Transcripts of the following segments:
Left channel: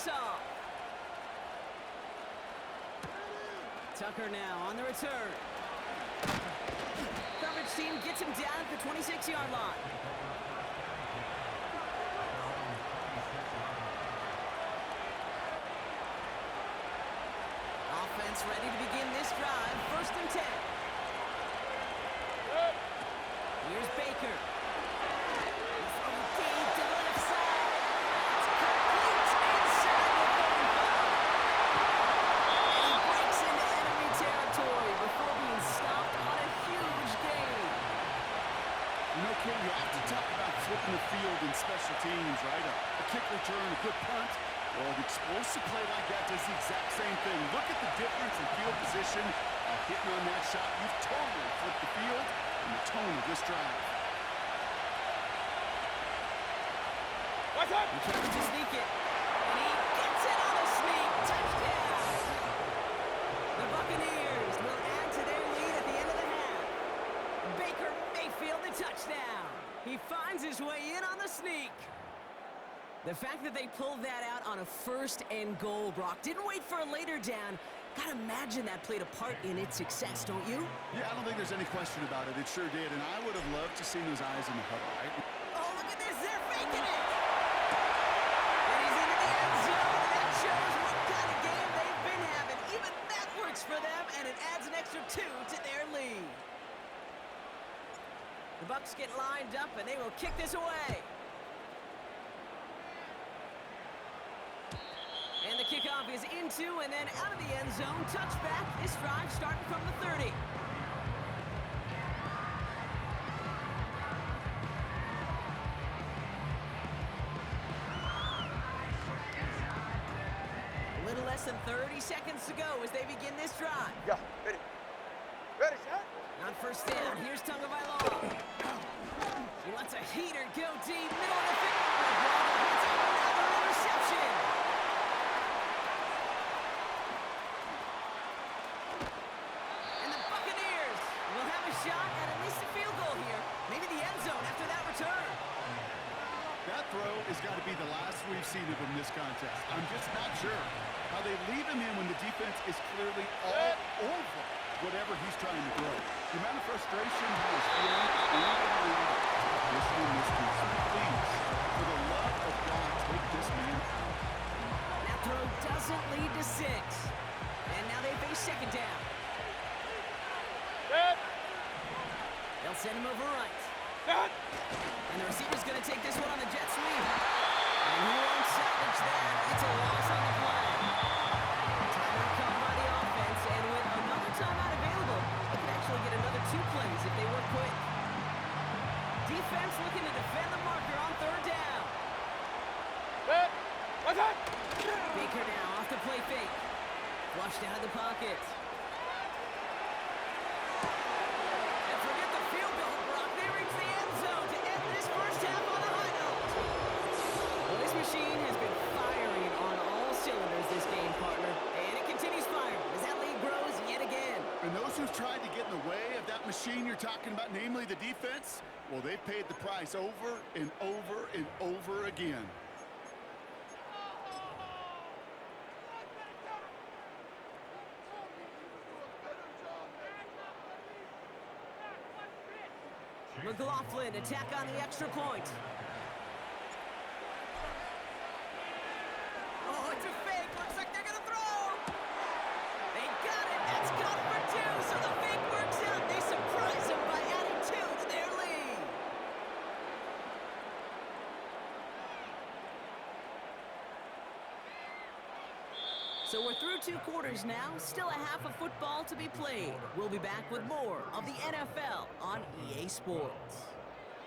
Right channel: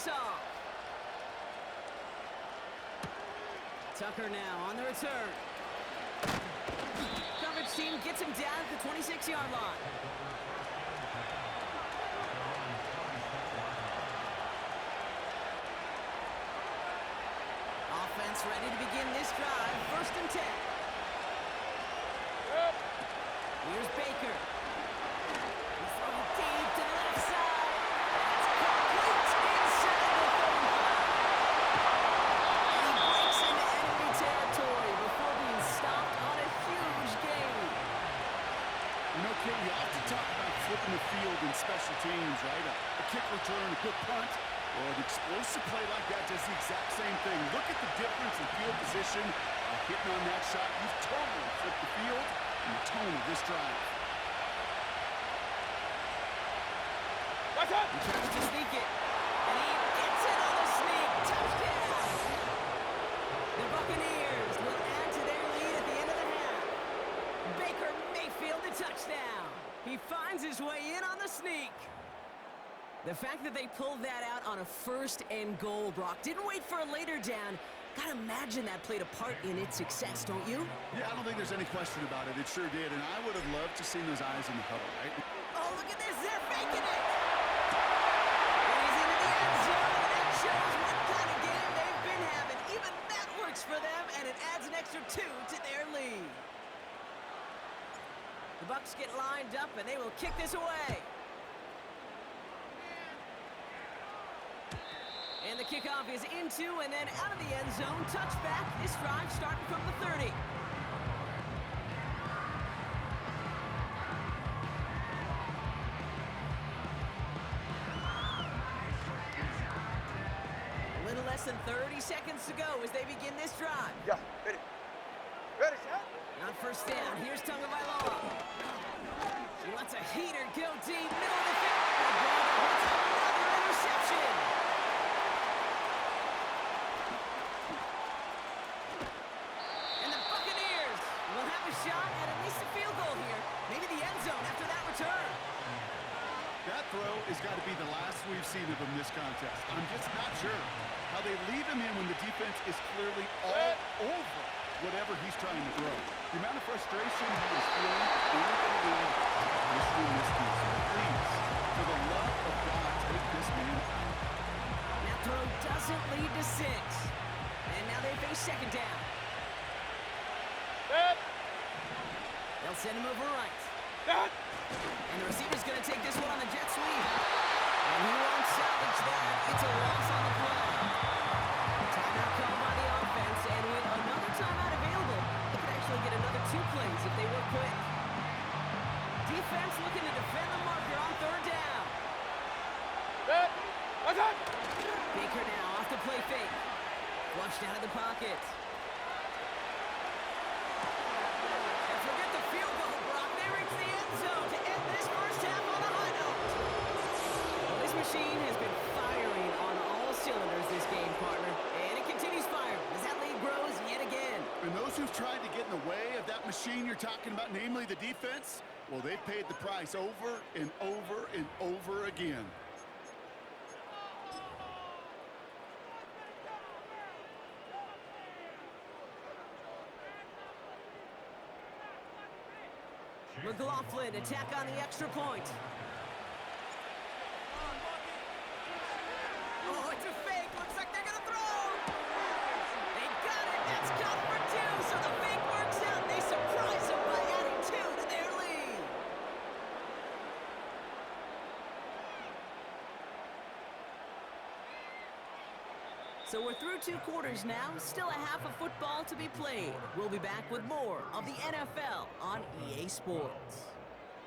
this off. Tucker now on the return. Coverage team gets him down at the 26-yard line. Offense ready to begin this drive. 1st and 10. Here's Baker. He throws it deep to the left side. That's complete inside the 35. And he breaks into enemy territory before being stopped on a huge gain. You know, Kate, we often talk about flipping the field in special teams, right? A kick return, a good punt. Well, an explosive play like that does the exact same thing. Look at the difference in field position. By hitting on that shot, you've totally flipped the field and the tone of this drive. What's up? He tries to sneak it, and he gets it on the sneak. Touchdown! The Buccaneers will add to their lead at the end of the half. Baker Mayfield the touchdown. He finds his way in on the sneak. The fact that they pulled that out on a 1st and goal, Brock, didn't wait for a later down. Gotta imagine that played a part in its success, don't you? Yeah, I don't think there's any question about it. It sure did, and I would have loved to see those eyes in the huddle, right? Oh, look at this. They're faking it. And he's into the end zone, and that shows what kind of game they've been having. Even that works for them, and it adds an extra 2 to their lead. The Bucs get lined up, and they will kick this away. And the kickoff is into and then out of the end zone. Touchback. This drive starting from the 30. A little less than 30 seconds to go as they begin this drive. Yeah, ready. Ready, shot. On 1st down, here's Tagovailoa. He lets a heater go deep, middle of the field. LeBron hits another interception. Shot at least a field goal here. Maybe the end zone after that return. That throw has got to be the last we've seen of him this contest. I'm just not sure how they leave him in when the defense is clearly all over whatever he's trying to throw. The amount of frustration he is feeling is only going to lead to additional miscues. Please, for the love of God, take this man out. That throw doesn't lead to 6. And now they face 2nd down. They'll send him over right. And the receiver's going to take this one on the jet sweep. And he won't salvage that. It's a loss on the play. Timeout called by the offense, and with another timeout available, they could actually get another 2 plays if they work quick. Defense looking to defend the marker on 3rd down. Baker now off the play fake. Flushed out of the pocket. This machine has been firing on all cylinders this game, partner. And it continues firing as that lead grows yet again. And those who've tried to get in the way of that machine you're talking about, namely the defense, well, they've paid the price over and over and over again. McLaughlin attack on the extra point. Oh, it's a fake. Looks like they're going to throw. They got it. That's caught for 2. So the fake works out. They surprise them by adding 2 to their lead. So we're through 2 quarters now. Still a half of football to be played. We'll be back with more of the NFL on EA Sports.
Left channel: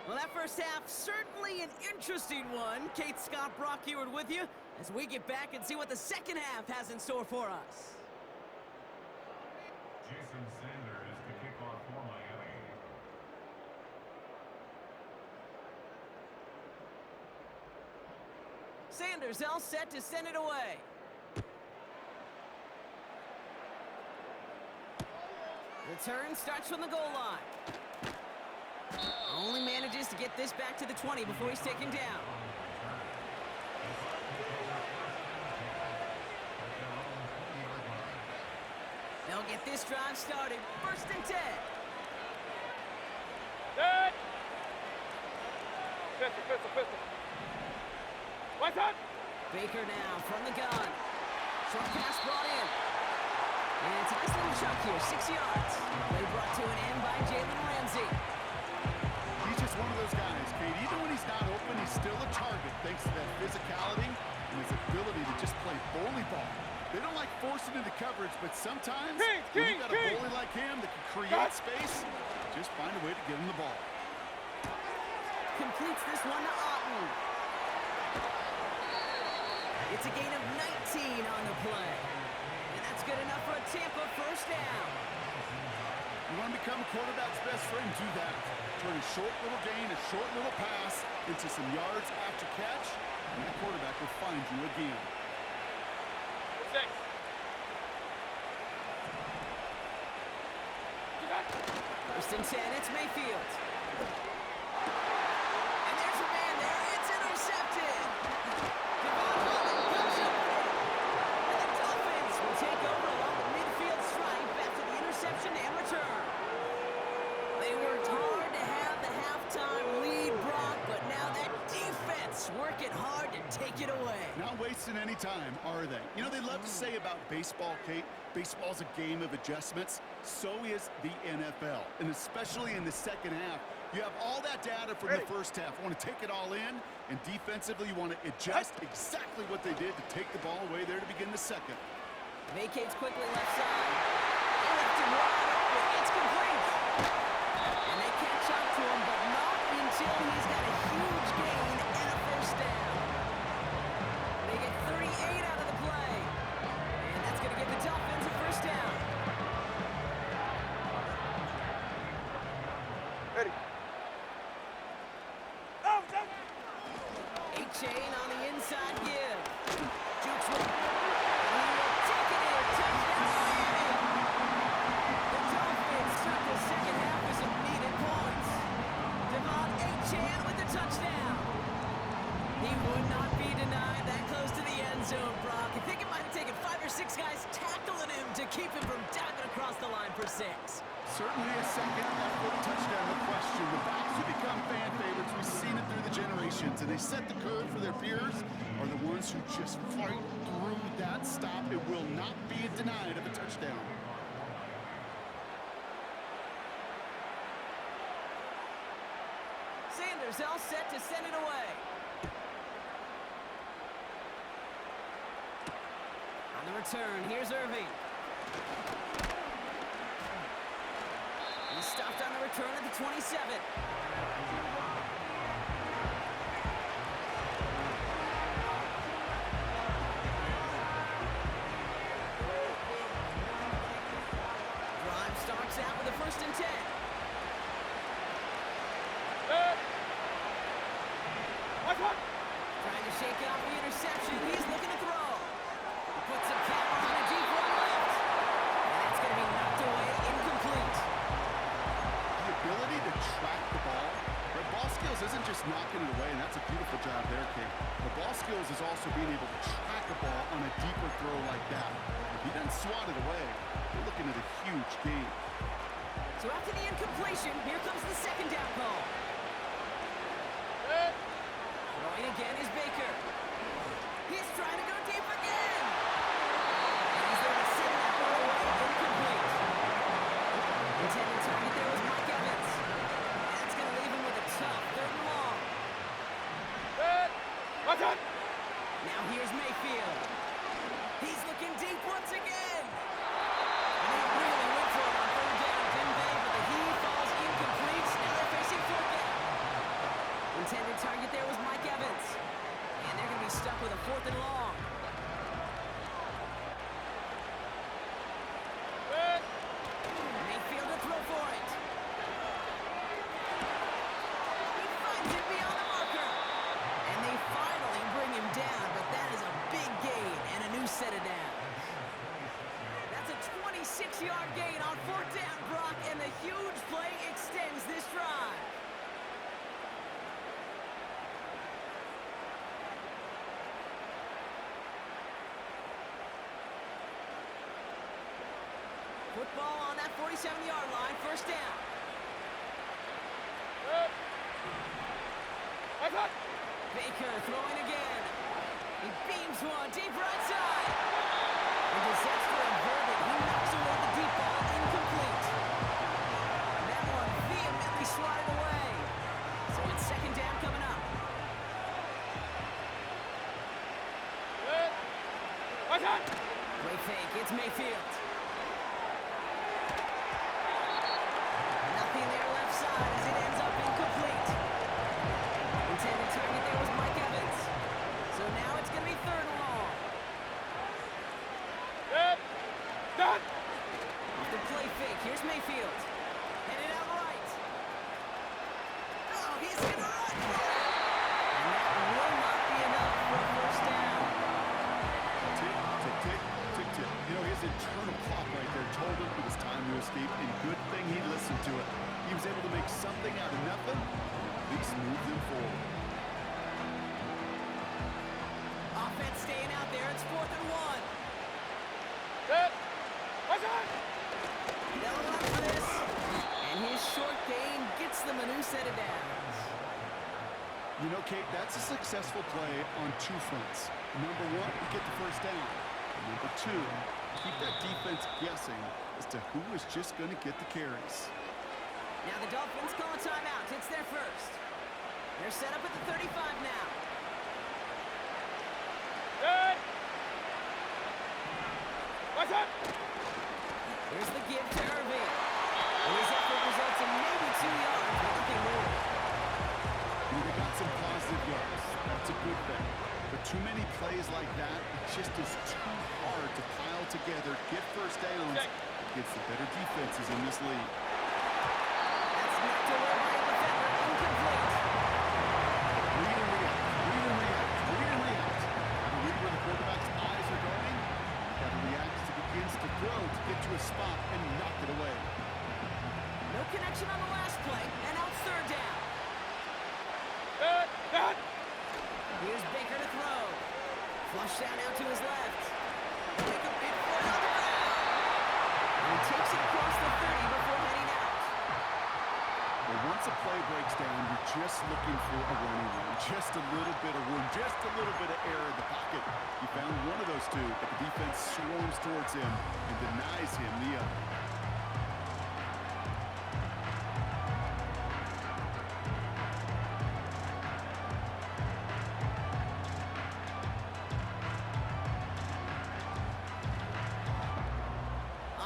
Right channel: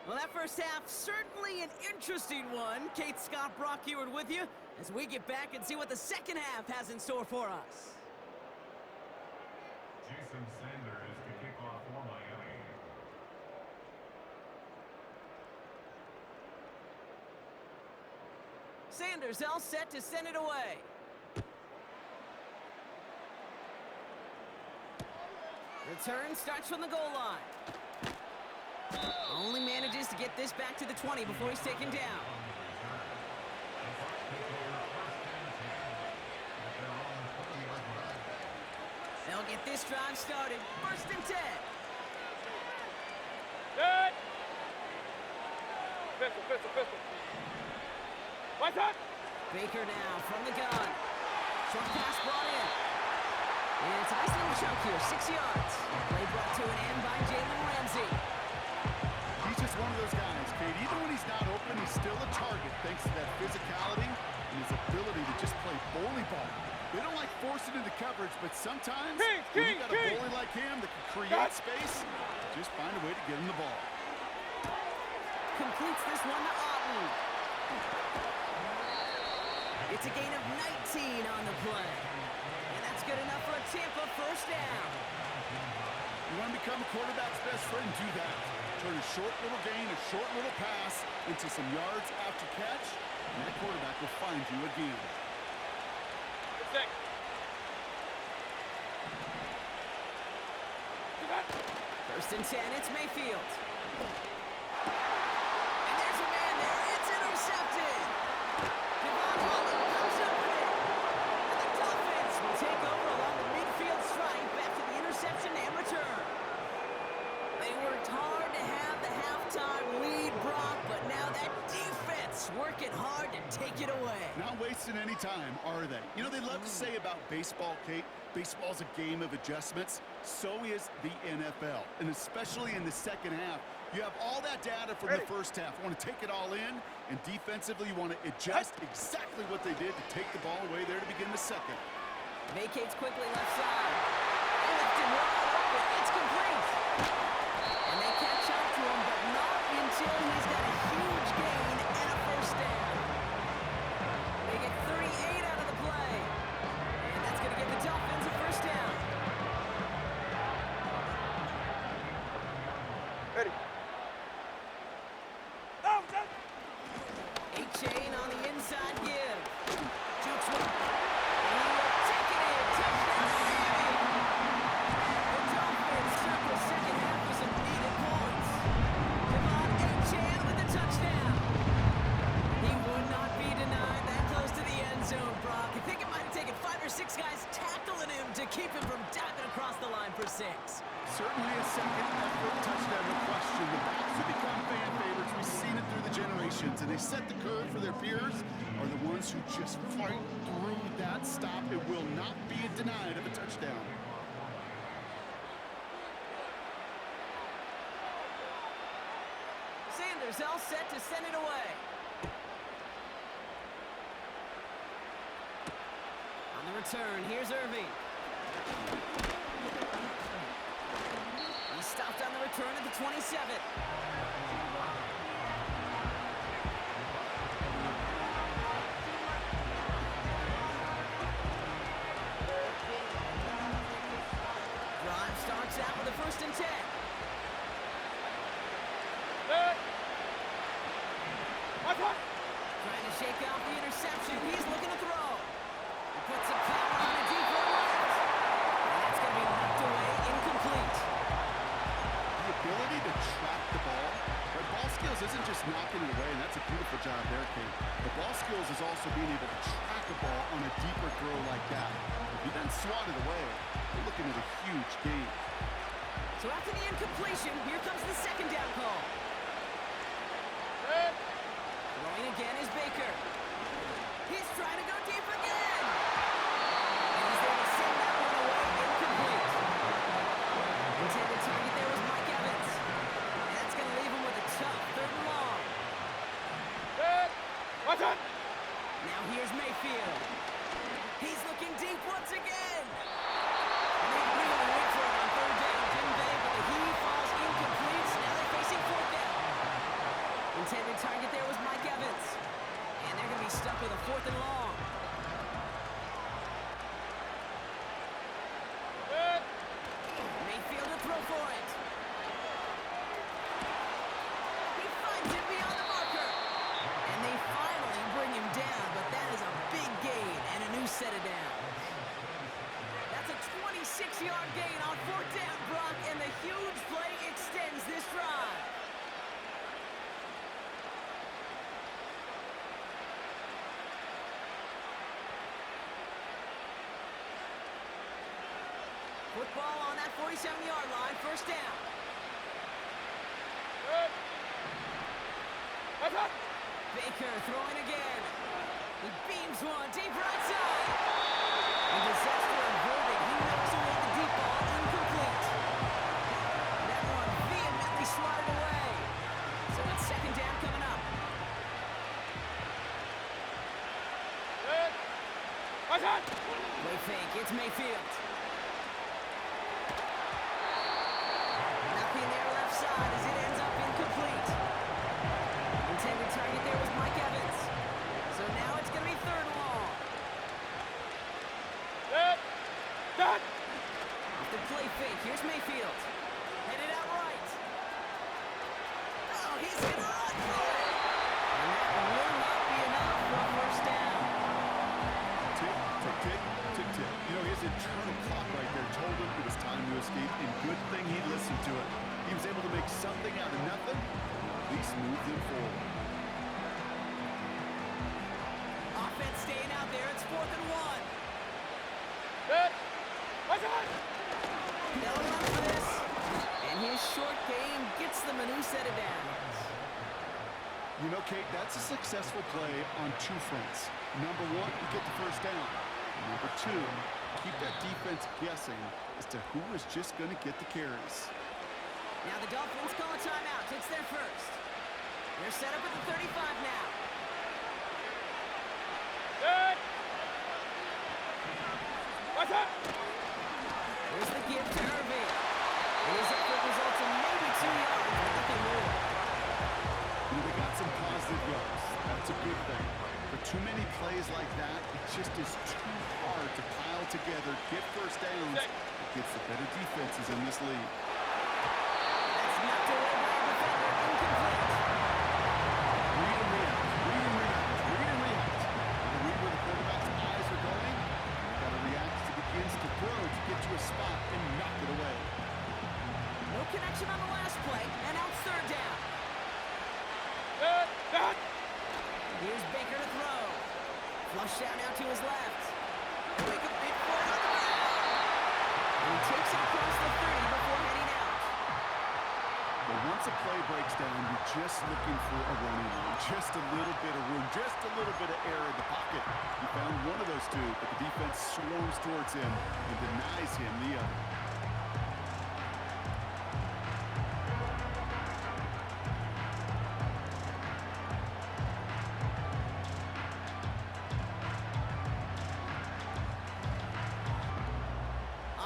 Well, that first half, certainly an interesting one. Kate, Scott, Brock Heward with you as we get back and see what the second half has in store for us. Jason Sanders to kick off for Miami. Sanders all set to send it away. Return starts from the goal line. Only manages to get this back to the 20 before he's taken down. They'll get this drive started. First and 10. Good. Pistol. What's up? Baker now from the gun. Short pass brought in. And it's a nice little chunk here, 6 yards. Play brought to an end by Jalen Ramsey. He's just one of those guys, Kate. Even when he's not open, he's still a target thanks to that physicality and his ability to just play bully ball. They don't like forcing into coverage, but sometimes when you got a bully like him that can create space, just find a way to get him the ball. Completes this one to Otten. It's a gain of 19 on the play. And that's good enough for a Tampa first down. You want to become a quarterback's best friend, do that. Turn a short little gain, a short little pass into some yards after catch, and that quarterback will find you again. First and 10, it's Mayfield. And there's a man there. It's intercepted. Devon Holland comes up with it. And the Dolphins will take over along the midfield stripe after the interception and return. They worked hard to have the halftime lead, Brock, but now that defense working hard to take it away. Not wasting any time, are they? You know, they love to say about baseball, Kate, baseball's a game of adjustments. So is the NFL, and especially in the second half. You have all that data from the first half. You want to take it all in, and defensively you want to adjust exactly what they did to take the ball away there to begin the second. Vacates quickly left side. They left him wide open. It's complete. And they catch up to him, but not until he's got a huge gain and a first down. They get 38 out of the play. And that's going to give the Dolphins a first down. Ready. A-Chain on the inside give. Jukes one. And he will take it in. Touchdown, Miami. The Dolphins start the second half with some needed points. Devon A-Chain with the touchdown. He would not be denied that close to the end zone, Brock. I think it might have taken 5 or 6 guys tackling him to keep him from diving across the line for 6. Certainly a second effort touchdown, no question. The backs who become fan favorites, we've seen it through the generations, and they set the code for their peers, are the ones who just fight through that stop. It will not be denied of a touchdown. Sanders all set to send it away. On the return, here's Irving. He's stopped on the return at the 27. Drive starts out with a first and 10. Trying to shake off the interception. He's looking to throw. He puts some power on a deep one left. And that's going to be knocked away, incomplete. The ability to track the ball, right? Ball skills isn't just knocking it away, and that's a beautiful job there, Kate. The ball skills is also being able to track a ball on a deeper throw like that. If he doesn't swat it away, we're looking at a huge gain. So after the incompletion, here comes the second down call. Throwing again is Baker. He's trying to go deep again. And he's there to send that one away, incomplete. Intended target there was Mike Evans. And that's going to leave him with a tough third and long. Now here's Mayfield. He's looking deep once again. And they really went for it on third down, didn't they? But the heave falls incomplete. Now they're facing fourth down. Intended target there was Mike Evans. And they're going to be stuck with a fourth and long. Mayfield to throw for it. He finds it beyond the marker. And they finally bring him down, but that is a big gain and a new set of downs. That's a 26-yard gain on fourth down, Brock, and the huge play extends this drive. For Football on that 47-yard line, first down. Baker throwing again. He beams one deep right side. And disaster averted. He knocks away the deep ball, incomplete. That one vehemently swatted away. So it's second down coming up. Play fake, it's Mayfield. Nothing there left side as it ends up incomplete. Intended target there was Mike Evans. So now it's going to be third and long. Off the play fake, here's Mayfield. Headed out right. Oh, he's going to run for it. And that will not be enough for a first down. Tick, tick, tick, tick, tick. You know, his internal clock right there told him it was time to escape, and good thing he listened to it. He was able to make something out of nothing, and at least move them forward. Offense staying out there. It's 4th and 1. They'll run for this. And his short gain gets them a new set of downs. You know, Kate, that's a successful play on two fronts. Number one, you get the first down. Number two, keep that defense guessing as to who is just going to get the carries. Now the Dolphins call a timeout. It's their first. They're set up at the 35 now. Here's the give to Irving. And his effort results in maybe 2 yards, but nothing more. You know, they got some positive yards. That's a good thing. But too many plays like that, it just is too hard to pile together, get first downs against the better defenses in this league. That's knocked away by a defender. Incomplete. Read and react. Read and react. Read and react. Got to read where the quarterback's eyes are going. Got to react as he begins to throw to get to a spot and knock it away. No connection on the last play, and now it's third down. Here's Baker to throw. Flush down out to his left. Make a big for it on the ground. And he takes it across the 30 before heading out. But once a play breaks down, you're just looking for a running room. Just a little bit of room, just a little bit of air in the pocket. He found one of those two, but the defense swarms towards him and denies him the other.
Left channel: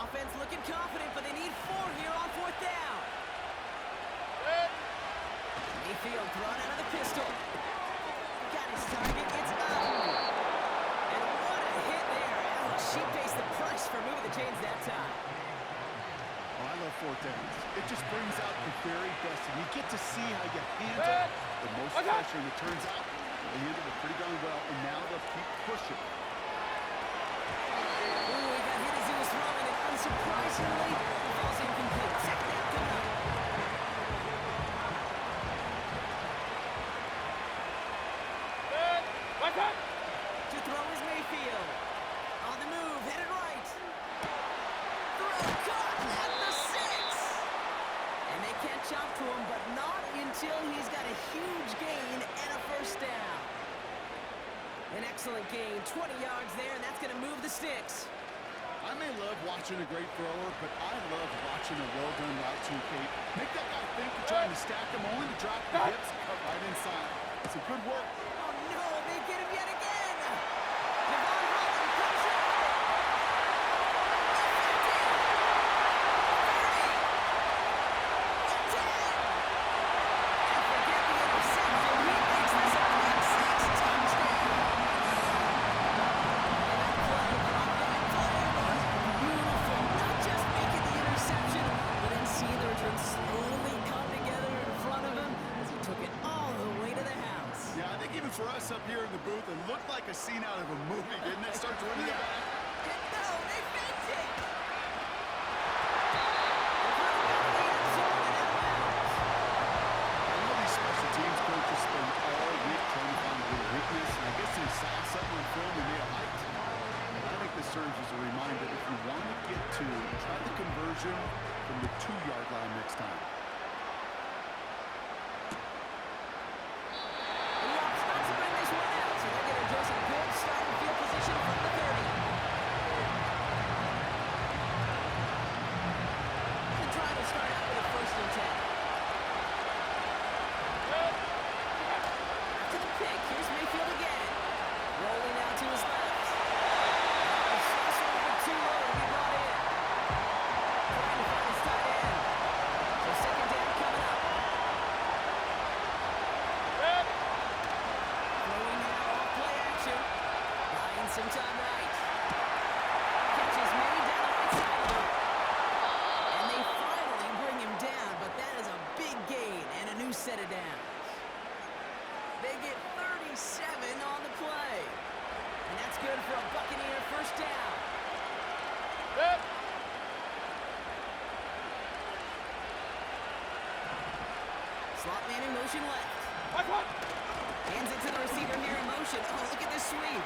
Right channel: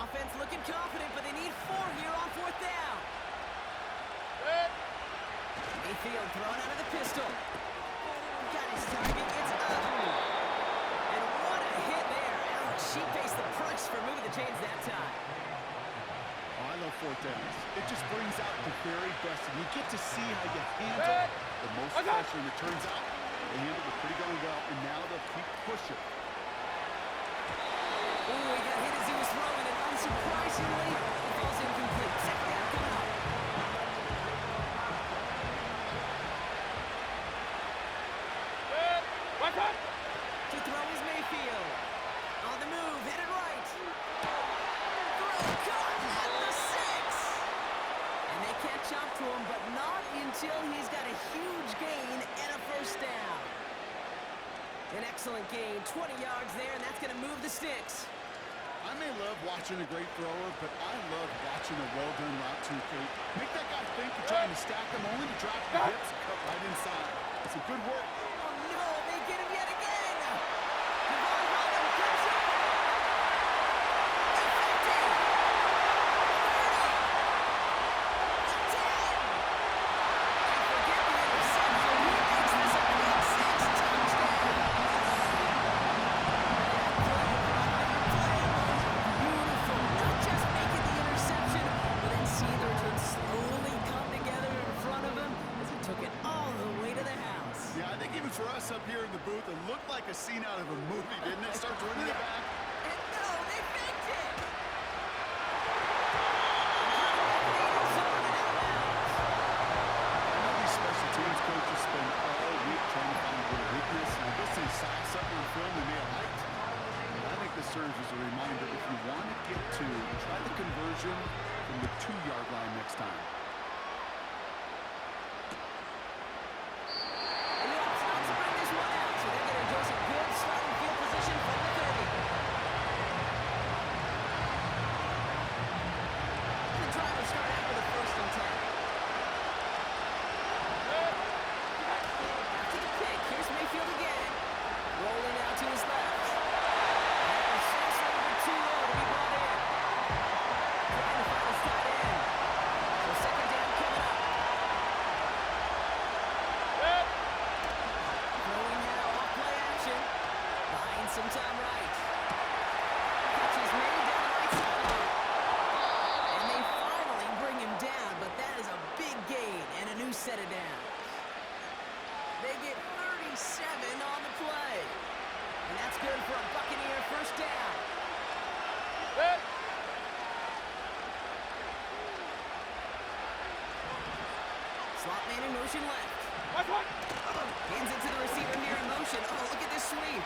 Offense looking confident, but they need 4 here on 4th down. Mayfield thrown out of the pistol. Got his target. It's up. And what a hit there. She pays the price for moving the chains that time. Oh, I love 4th downs. It just brings out the very best. And you get to see how you handle the most pressure. And it turns out they handled it pretty darn well. And now they'll keep pushing. Ooh, he got hit as he was throwing, and unsurprisingly, the ball's incomplete. Second down coming up. To throw is Mayfield. On the move, headed right. Throw caught at the 6. And they catch up to him, but not until he's got a huge gain and a first down. An excellent gain, 20 yards there, and that's going to move the sticks. I may love watching a great thrower, but I love watching a well-done route too, Kate. Make that guy think you're trying to stack him, only to drop the hips and cut right inside. Some good work. Oh, no, they get him yet again. Devon Holland comes up with it. The 50. 30. The 10. And forget the interception. He makes this a big 6 touchdown. That play, Brock, that play was beautiful. Not just making the interception, but then seeing the return slowly come together in front of him as he took it all the way to the house. Yeah, I think even for us up here in the booth, it looked like a scene out of a movie, didn't it? Starts running it back. And no, they faked it. And threw it back in the end zone and out of bounds. I know these special teams coaches spend all week trying to find a little weakness, and I guess they saw something on film they may have liked. But I think this serves as a reminder. If you want to get two, try the conversion from the 2-yard line next time. And he opts not to bring this one out, so they're going to enjoy some good starting field position from the 30. And the drive will start out with a 1st and 10. After the pick, here's Mayfield again. Rolling out to his left. That was just a little bit too low to be brought in. Trying to find his tight end. So 2nd down coming up. Throwing now off play action. Buying some time right. Catch is made down the right sideline. And they finally bring him down, but that is a big gain and a new set of downs. They get 37 on the play. And that's good for a Buccaneer 1st down. Slot man in motion left. Hands it to the receiver here in motion. Oh, look at this sweep.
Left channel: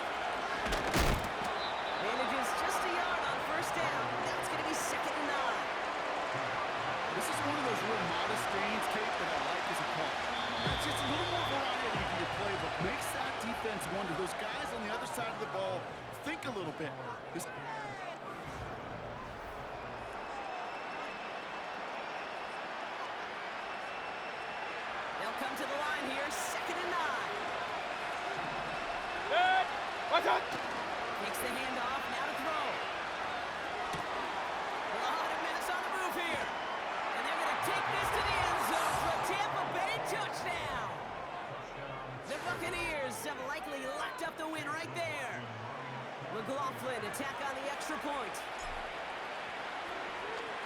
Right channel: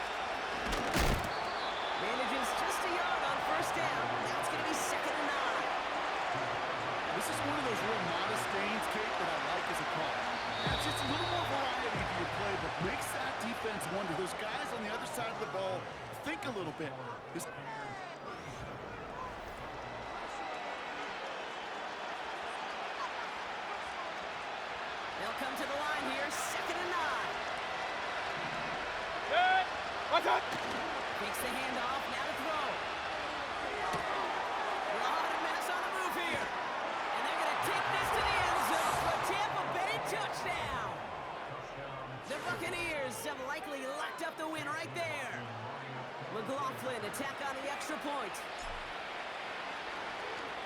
Manages just a yard on 1st down. Now it's going to be 2nd and 9. This is one of those real modest gains, Kate, that I like as a call. That's just a little more variety to your playbook. Makes that defense wonder. Those guys on the other side of the ball think a little bit. They'll come to the line here, 2nd and 9. Takes the handoff, now to throw. A lot of mess on the move here. And they're going to take this to the end zone for a Tampa Bay touchdown. The Buccaneers have likely locked up the win right there. McLaughlin attack on the extra point.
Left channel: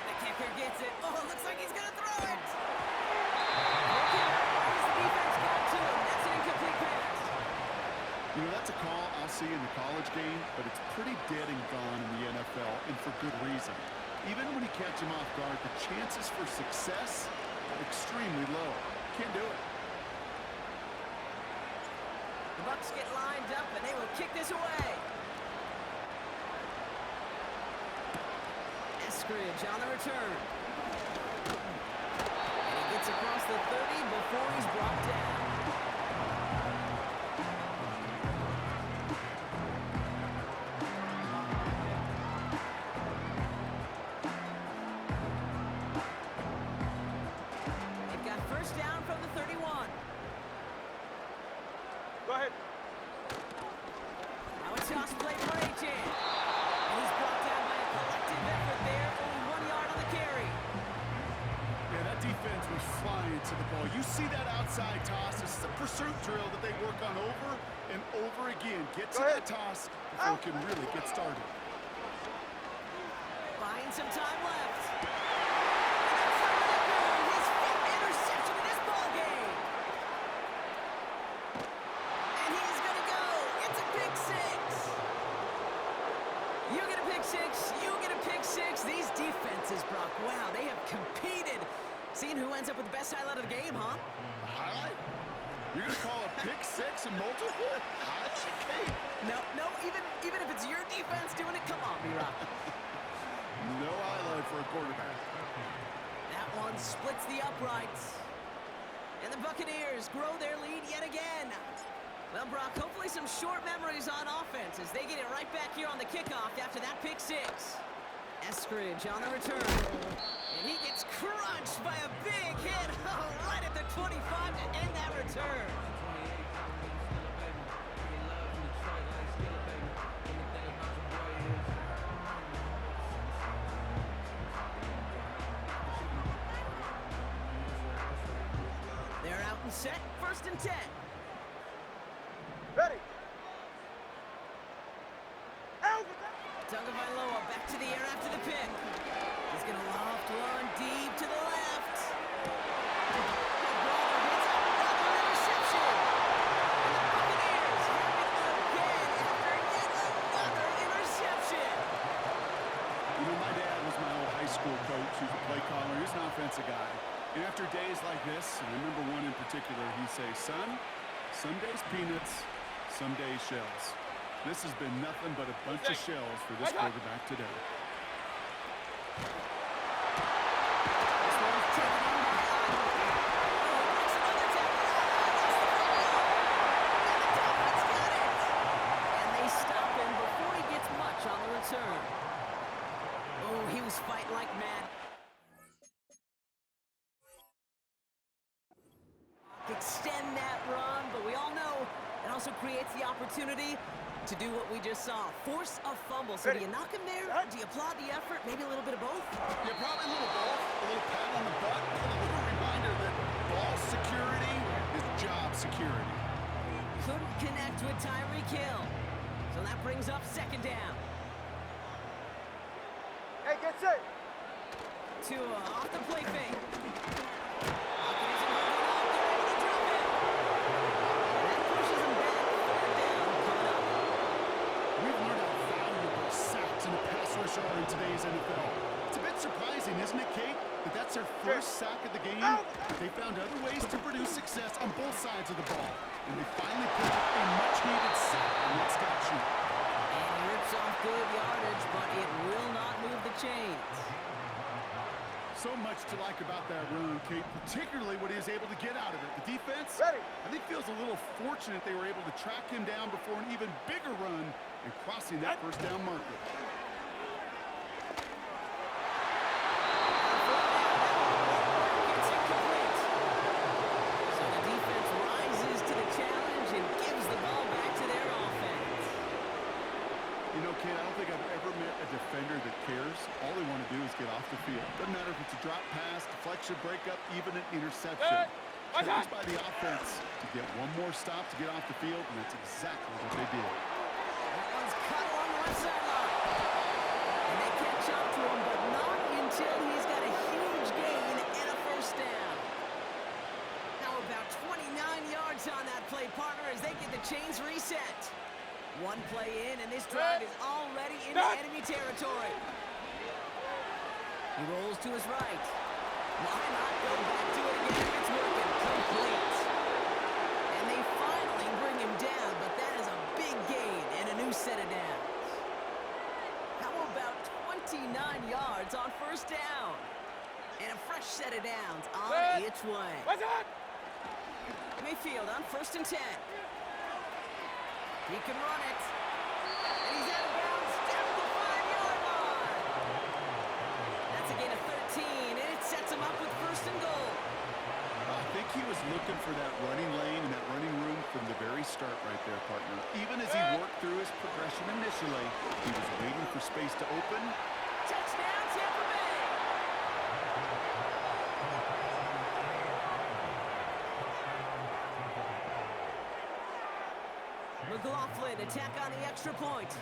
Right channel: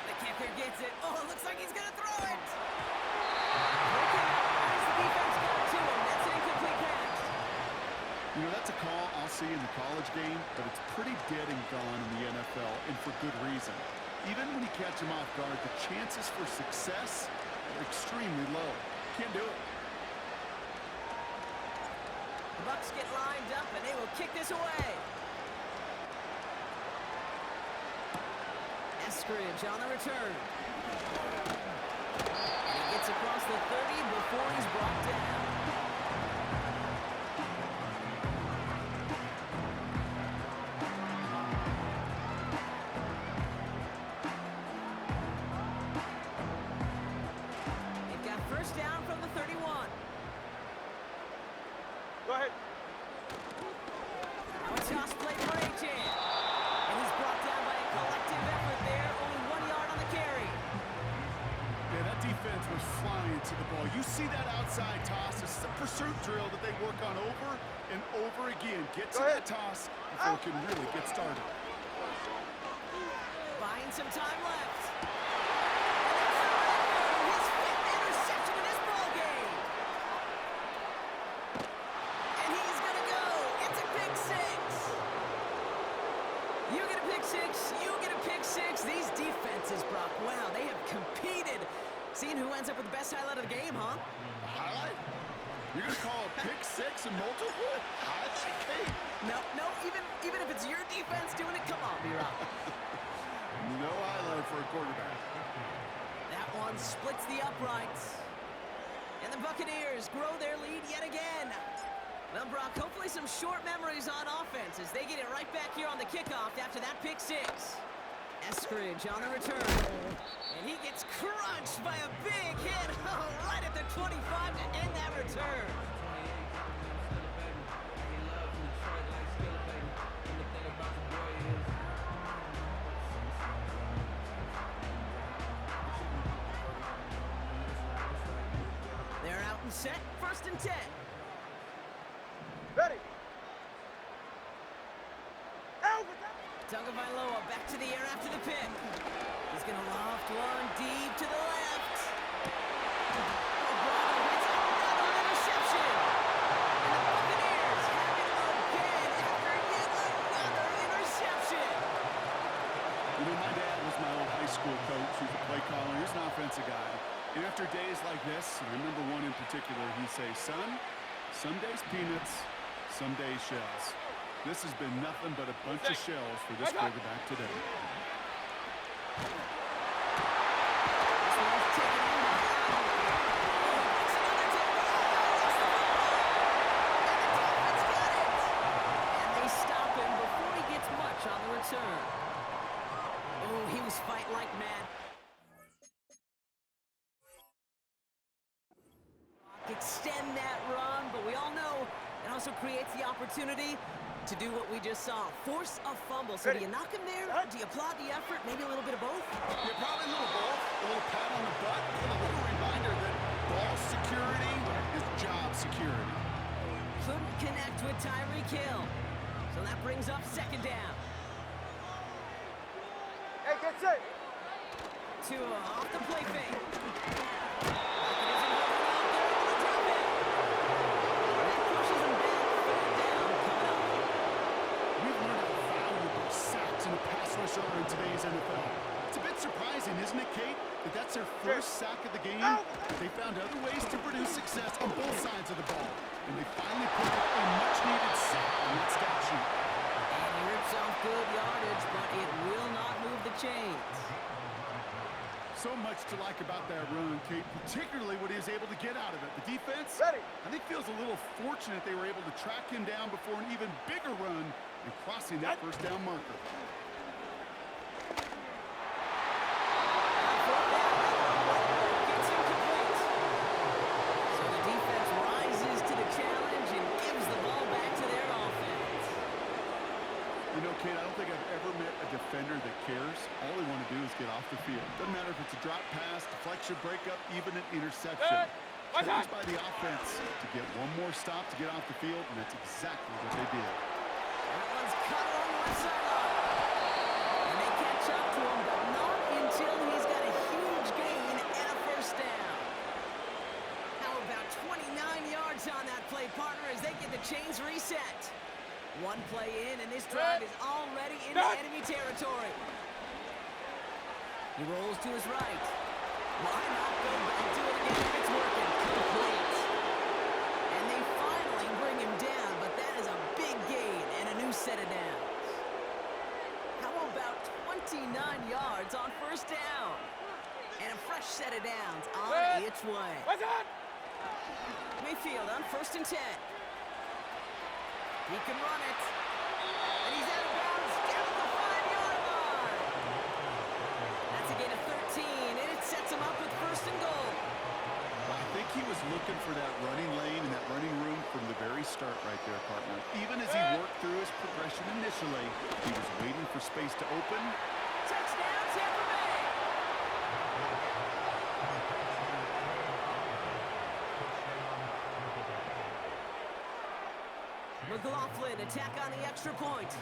The kicker gets it. Oh, it looks like he's going to throw it. Broken out right as the defense got to him. That's an incomplete pass. You know, that's a call I'll see in the college game, but it's pretty dead and gone in the NFL, and for good reason. Even when you catch him off guard, the chances for success are extremely low. Can't do it. The Bucs get lined up, and they will kick this away. Eskridge on the return. And he gets across the 30 before he's brought down. They've got 1st down from the 31. Go ahead. Now a toss play for H.N. And he's brought down by a collective effort there. Only 1 yard on the carry. Yeah, that defense was flying to the ball. You see that outside toss. This is a pursuit drill that they work on over and over again. Get to that toss before it can really get started. Buying some time left. And that's the record. His 5th interception in this ball game. And he's going to go. It's a pick 6. You get a pick 6. You get a pick 6. These defenses, Brock, wow, they have competed. Seeing who ends up with the best highlight of the game, huh? A highlight? You're going to call a pick 6 and multiple? Highlight, Kate? No, even if it's your defense doing it, come on, B-Rock. No highlight for a quarterback. That one splits the uprights. And the Buccaneers grow their lead yet again. Well, Brock, hopefully some short memories on offense as they get it right back here on the kickoff after that pick 6. Eskridge on the return. And he gets crunched by a big hit right at the 25 to end that return. They're out and set, 1st and 10. Ready. Tagovailoa back to the air after the pick. He's going to loft one deep to the left. Bravo hits another interception. And the Buccaneers have it again after yet another interception. You know, my dad was my old high school coach. He was a play caller. He was an offensive guy. And after days like this, and I remember one in particular, he'd say, son, some days peanuts, some days shells. This has been nothing but a bunch of shells for this quarterback today. This one's taken in by Otto. Oh, he makes another tackle. Lost the football. And the Dolphins got it. And they stop him before he gets much on the return. Oh, he was fighting like mad. Extend that run, but we all know it also creates the opportunity to do what we just saw. Force a fumble. So do you knock him there? Do you applaud the effort? Maybe a little bit of both? Yeah, probably a little both. A little pat on the butt and a little reminder that ball security is job security. Couldn't connect with Tyreek Hill. So that brings up second down. Hey, get set. Tua off the play fake. Pocket isn't holding up. They're able to drop him. And that pushes him back. Third down coming up. We've learned how valuable sacks and a pass rush are in today's NFL. It's a bit surprising, isn't it, Kate, that that's their first sack of the game? They found other ways to produce success on both sides of the ball, and they finally put up a much-needed sack on that stat sheet. And he rips off good yardage, but it will not move the chains. So much to like about that run, Kate, particularly what he was able to get out of it. The defense, Ready. I think, feels a little fortunate they were able to track him down before an even bigger run and crossing that first down marker. It's incomplete. So the defense rises to the challenge and gives the ball back to their offense. You know, Kate, I don't think I've ever met a defender that cares. All they want to do is get off the field. Doesn't matter if it's a drop pass, deflection, breakup, even an interception. Challenged by the offense to get one more stop to get off the field, and that's exactly what they did. That one's cut along the left sideline. And they catch up to him, but not until he's got a huge gain and a first down. How about 29 yards on that play, partner, as they get the chains reset. One play in, and this drive is already into enemy territory. He rolls to his right. Why not go back to it again if it's working? Complete. And they finally bring him down, but that is a big gain and a new set of downs. How about 29 yards on first down? And a fresh set of downs on its way. What's that? Mayfield on 1st and 10. He can run it. And he's out of bounds down at the 5-yard line. That's a gain of 13, and it sets him up with 1st and goal. Well, I think he was looking for that running lane and that running room from the very start right there, partner. Even as he worked through his progression initially, he was waiting for space to open. Touchdown, Tampa Bay. McLaughlin attack on the extra point.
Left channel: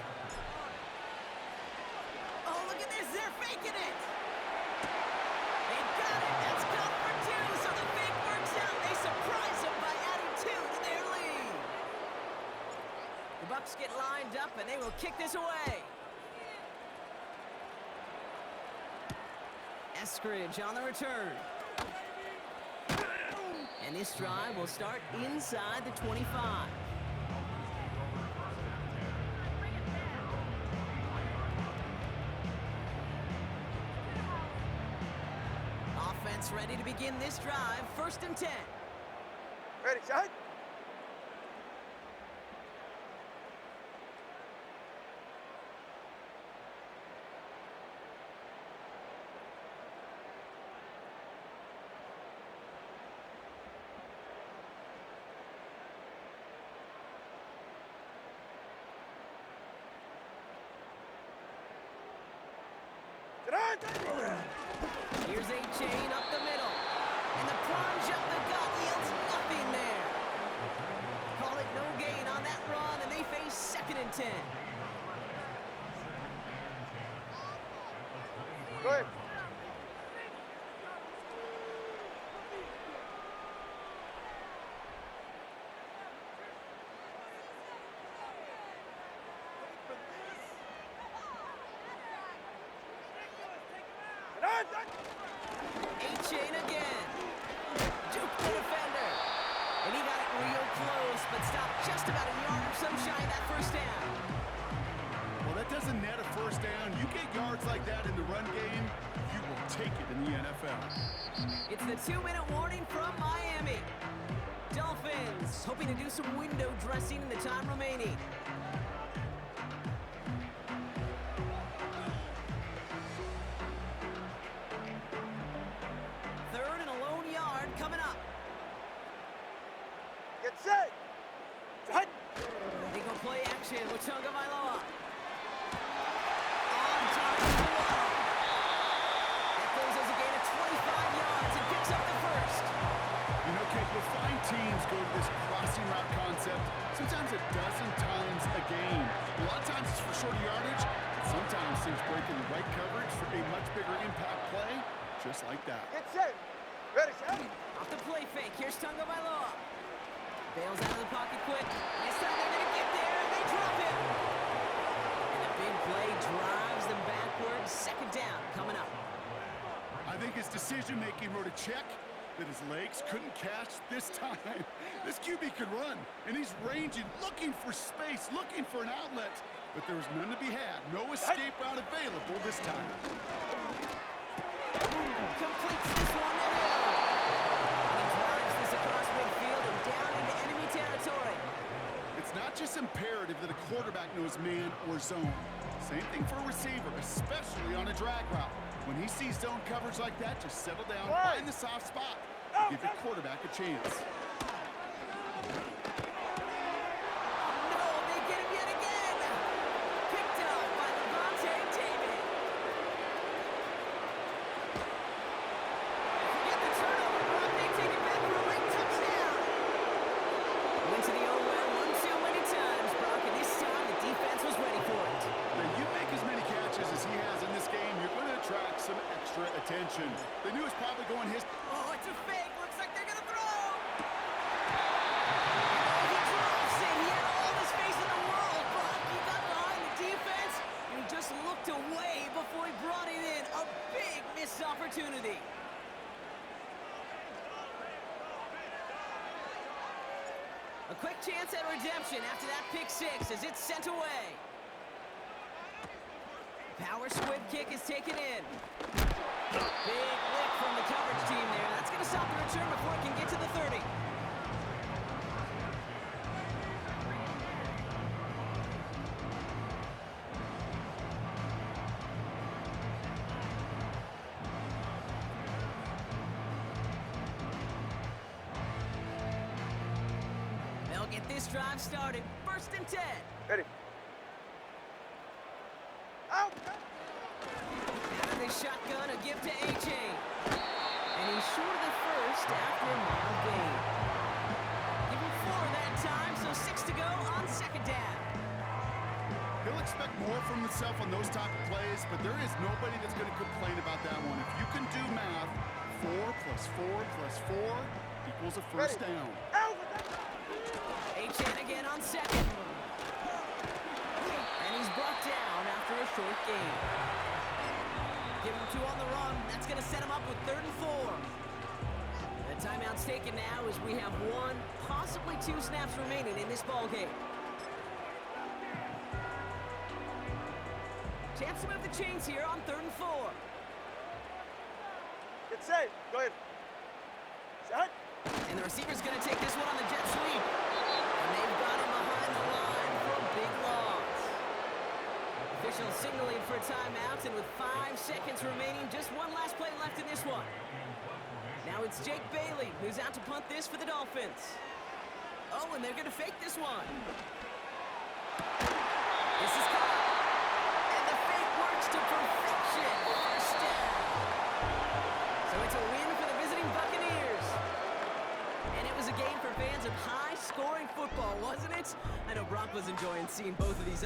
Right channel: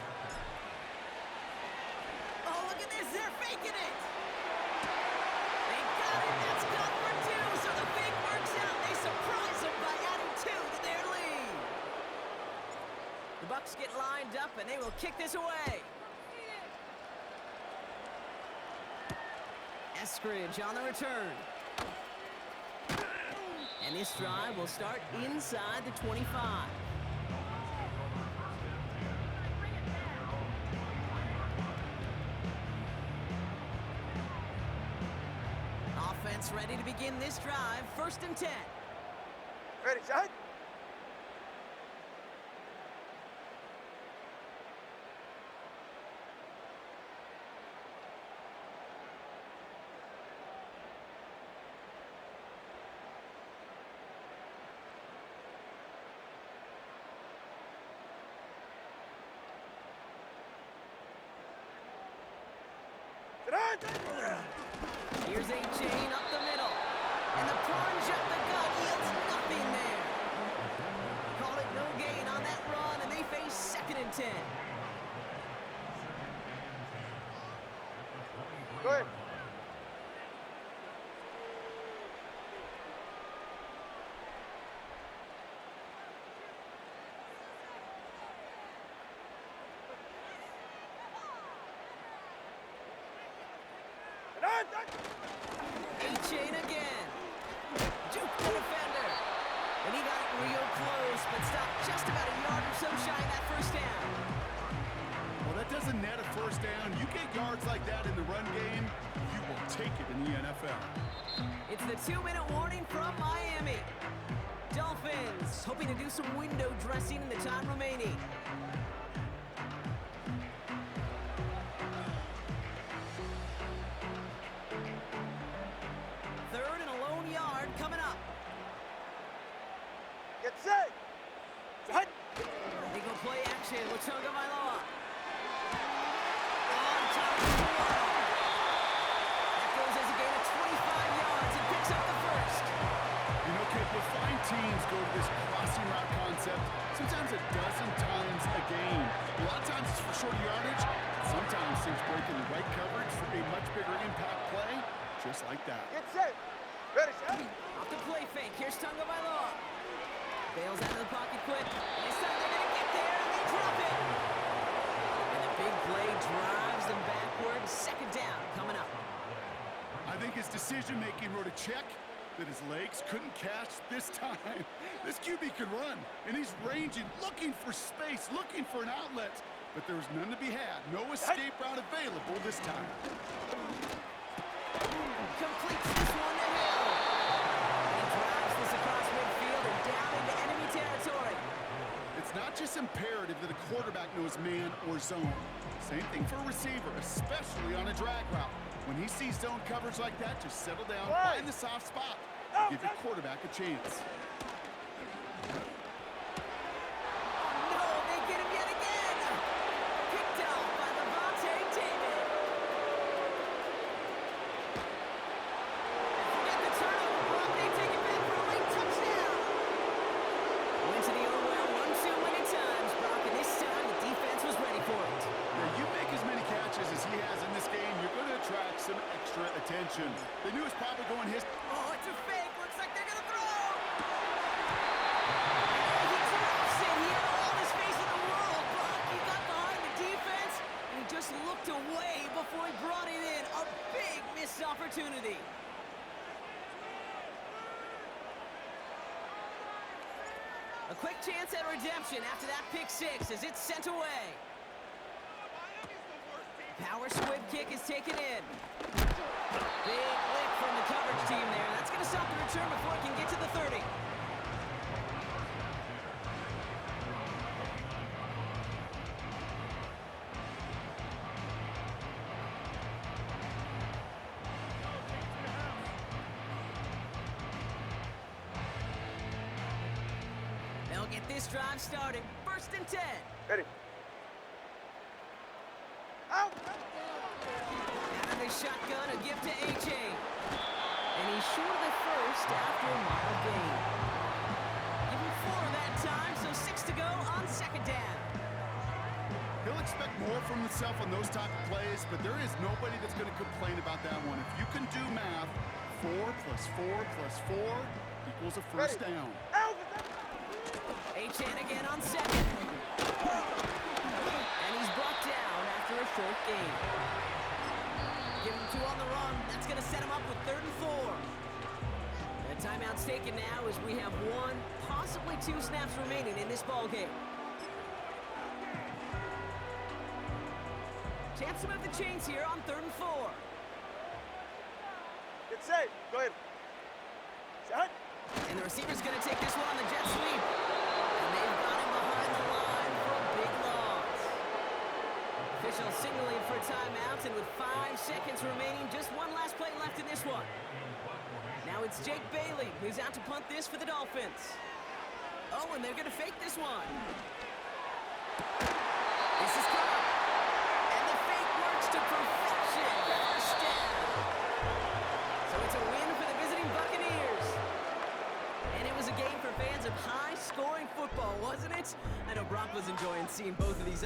Oh, look at this. They're faking it. They got it. That's caught for 2. So the fake works out. They surprise them by adding 2 to their lead. The Bucs get lined up, and they will kick this away. Eskridge on the return. And this drive will start inside the 25. Offense ready to begin this drive. 1st and 10. Ready, shot. Here's A-Chain up the middle. And the plunge up the gut yields nothing there. Call it no gain on that run, and they face 2nd and 10. Go ahead. A-Chain again. Juke the defender. And he got it real close, but stopped just about a yard or so shy of that first down. that doesn't net a first down. You get yards like that in the run game, you will take it in the NFL. It's the 2-minute warning from Miami. Dolphins hoping to do some window dressing in the time remaining. Third and a lone yard coming up. Get set. Set. They go play action with Tagovailoa. On target to Waddle. That goes as a gain of 25 yards and picks up the first. You know, Kate, you'll find teams go to this crossing route concept sometimes a dozen times a game. A lot of times it's for short yardage. Sometimes things break in the right coverage for a much bigger impact play, just like that. Get set. Ready, set. Off the play fake. Here's Tagovailoa. Bails out of the pocket quick. This time they're going to get there, and they drop it. And the big play drives them backwards. Second down coming up. I think his decision-making wrote a check that his legs couldn't catch this time. This QB could run, and he's ranging, looking for space, looking for an outlet. But there was none to be had. No escape route available this time. Completes this one to Hill. And he drives this across midfield and down into enemy territory. It's not just imperative that a quarterback knows man or zone. Same thing for a receiver, especially on a drag route. When he sees zone coverage like that, just settle down, find the soft spot, and give your quarterback a chance. Oh no, they get him yet again. Picked off by Levante David. And forget the turnover, Brock. They take it back for a late touchdown. Went to the own well one too many times, Brock, and this time the defense was ready for it. Now, you make as many catches as he has in this game, you're going to attract some extra attention. They knew it was probably going his... Oh, it's a fake. Looks like they're going to throw. Oh, he drops it. He had all the space in the world, Brock. He got behind the defense, and he just looked away before he brought it in. A big missed opportunity. A quick chance at redemption after that pick six as it's sent away. Power squib kick is taken in. Big lick from the coverage team there. That's going to stop the return before it can get to the 30. They'll get this drive started. First and 10. Ready. Out. Out of the shotgun, a give to A.J. And he's short of the first after a mile gain. Give him 4 that time, so 6 to go on second down. He'll expect more from himself on those type of plays, but there is nobody that's going to complain about that one. If you can do math, 4 plus 4 plus 4 equals a first down. Out. A.J. again on second. And he's brought down after a short gain. Give him 2 on the run. That's going to set him up with 3rd and 4. The timeout's taken now as we have 1, possibly 2 snaps remaining in this ball game. Chance to move the chains here on 3rd and 4. Get set. Go ahead. Set. And the receiver's going to take this one on the jet sweep. And they've got him behind the line for a big loss. Official signaling for a timeout, and with 5 seconds remaining, just one last play left in this one. Now it's Jake Bailey who's out to punt this for the Dolphins. Oh, and they're going to fake this one. This is caught. And the fake works to perfection. First down. So it's a win for the visiting Buccaneers. And it was a game for fans of high-scoring football, wasn't it? I know Brock was enjoying seeing both of these